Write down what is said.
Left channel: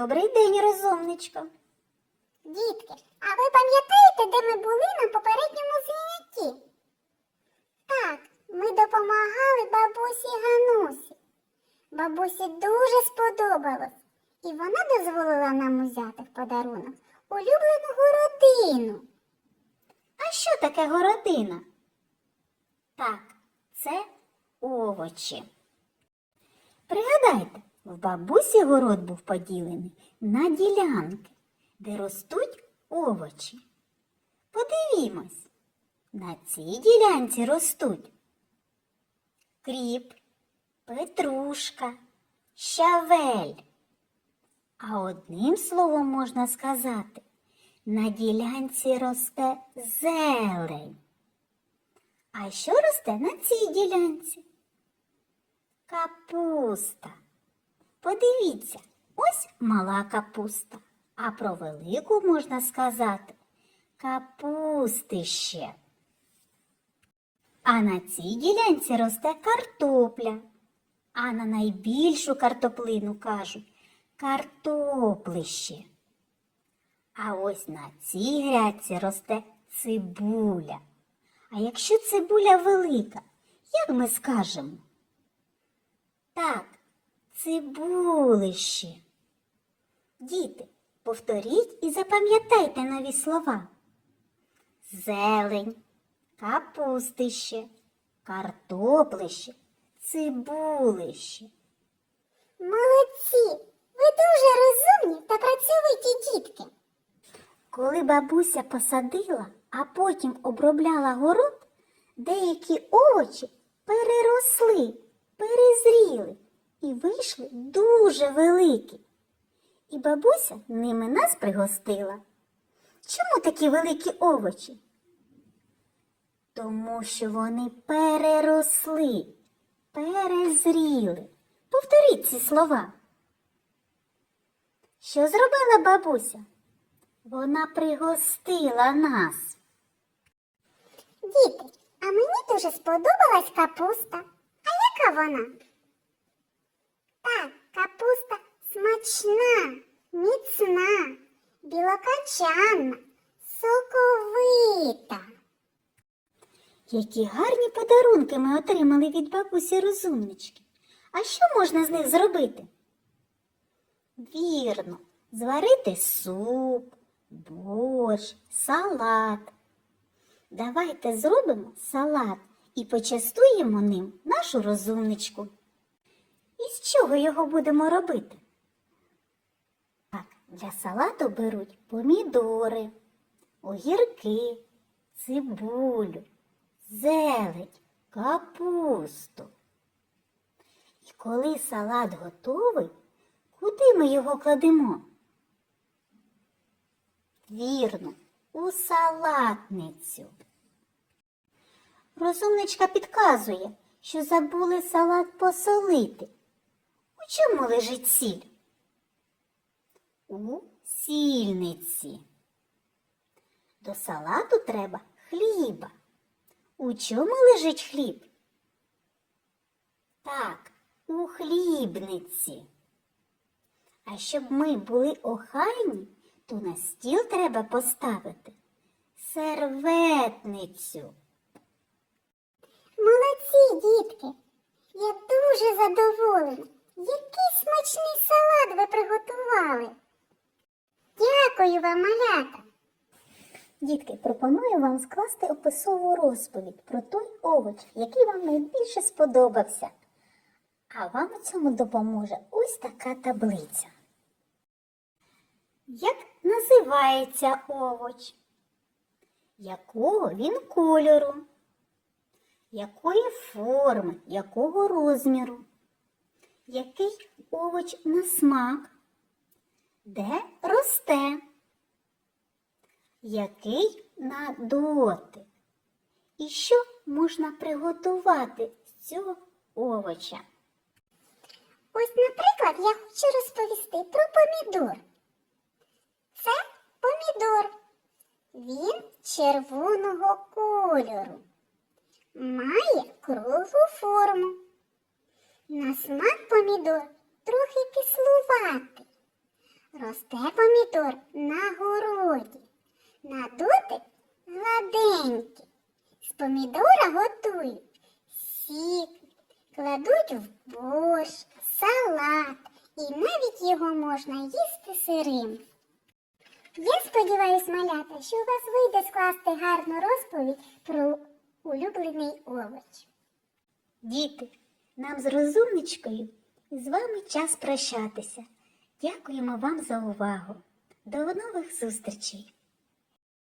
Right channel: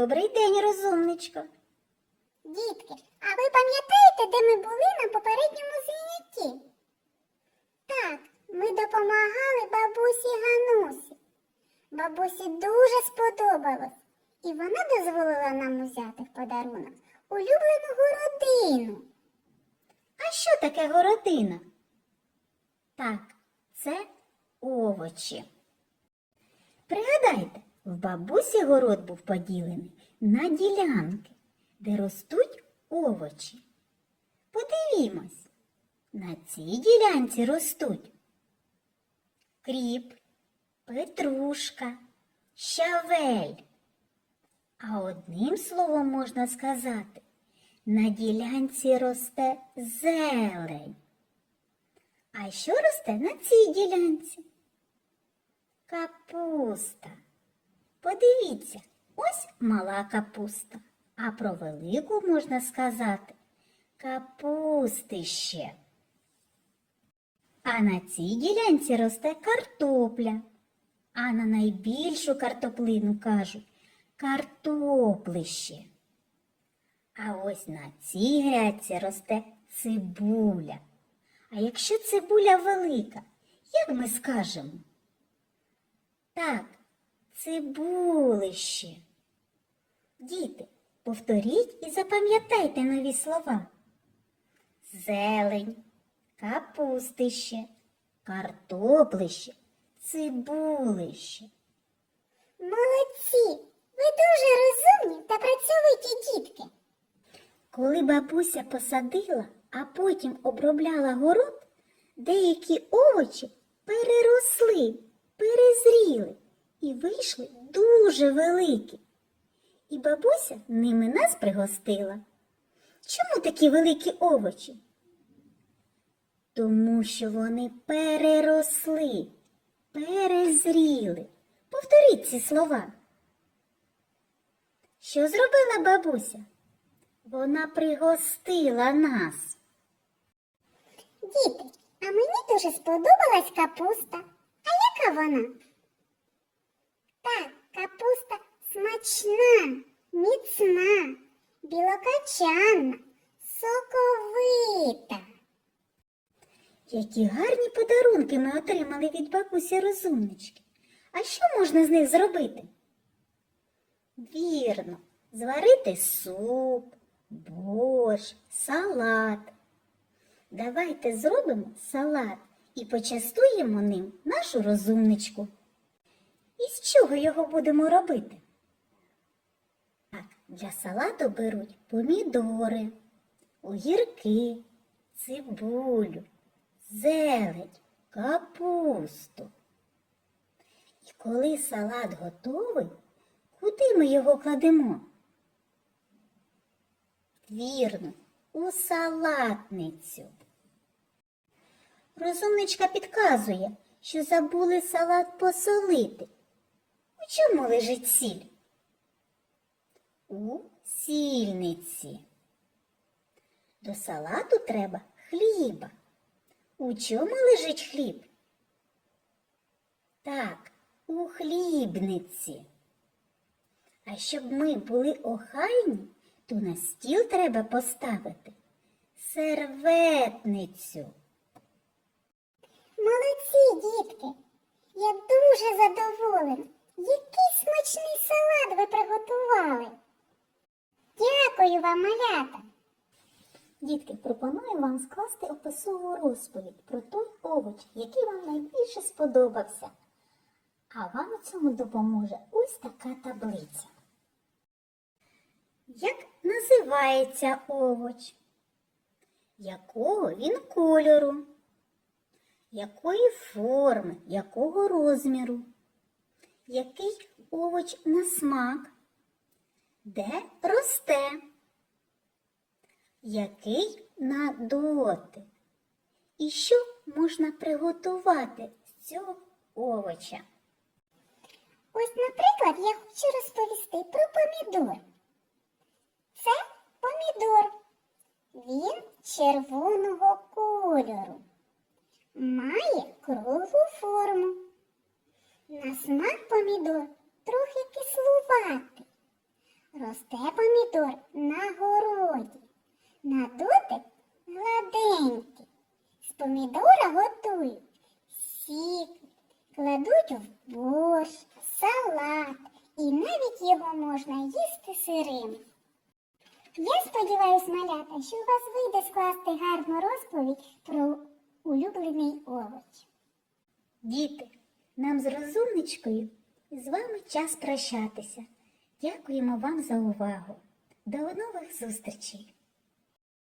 Добрий день, розумничко. Дітки, а ви пам'ятаєте, де ми були на попередньому занятті? Так, ми допомагали бабусі Ганусі. Бабусі дуже сподобалось, і вона дозволила нам узяти в подарунок улюблену городину. А що таке городина? Так, це овочі. Пригадайте, в бабусі город був поділений на ділянки, де ростуть овочі. Подивімось, на цій ділянці ростуть кріп, петрушка, щавель. А одним словом можна сказати, на ділянці росте зелень. А що росте на цій ділянці? Капуста. Подивіться, ось мала капуста. А про велику можна сказати капустище. А на цій ділянці росте картопля. А на найбільшу картоплину кажуть картоплище. А ось на цій грядці росте цибуля. А якщо цибуля велика, як ми скажемо? Так, цибулище. Діти, повторіть і запам'ятайте нові слова. Зелень, капустище, картоплище, цибулище. Молодці! Ви дуже розумні та працьовиті дітки. Коли бабуся посадила, а потім обробляла город, деякі овочі переросли, перезріли і вийшли дуже великі. І бабуся ними нас пригостила. Чому такі великі овочі? Тому що вони переросли, перезріли. Повторіть ці слова. Що зробила бабуся? Вона пригостила нас. Діти, а мені дуже сподобалась капуста. А яка вона? Та капуста смачна, міцна, білокачанна, соковита. Які гарні подарунки ми отримали від бабусі розумнички. А що можна з них зробити? Вірно, зварити суп, борщ, салат. Давайте зробимо салат і почастуємо ним нашу розумничку. Із чого його будемо робити? Так, для салату беруть помідори, огірки, цибулю, зелень, капусту. І коли салат готовий, куди ми його кладемо? Вірно, у салатницю. Розумничка підказує, що забули салат посолити чому лежить сіль? У сільниці. До салату треба хліба. У чому лежить хліб? Так, у хлібниці. А щоб ми були охайні, то на стіл треба поставити серветницю. Молодці, дітки! Я дуже задоволена смачний салат ви приготували. Дякую вам, малята! Дітки, пропоную вам скласти описову розповідь про той овоч, який вам найбільше сподобався. А вам у цьому допоможе ось така таблиця. Як називається овоч? Якого він кольору? Якої форми, якого розміру? Який овоч на смак? Де росте? Який на дотик? І що можна приготувати з цього овоча? Ось, наприклад, я хочу розповісти про помідор. Це помідор. Він червоного кольору. Має круглу форму. На смак помідор трохи кислуватий. Росте помідор на городі. На дотик гладенький. З помідора готують сік, кладуть в борщ, салат. І навіть його можна їсти сирим. Я сподіваюся, малята, що у вас вийде скласти гарну розповідь про улюблений овоч. Діти, нам з розумничкою і з вами час прощатися. Дякуємо вам за увагу. До нових зустрічей!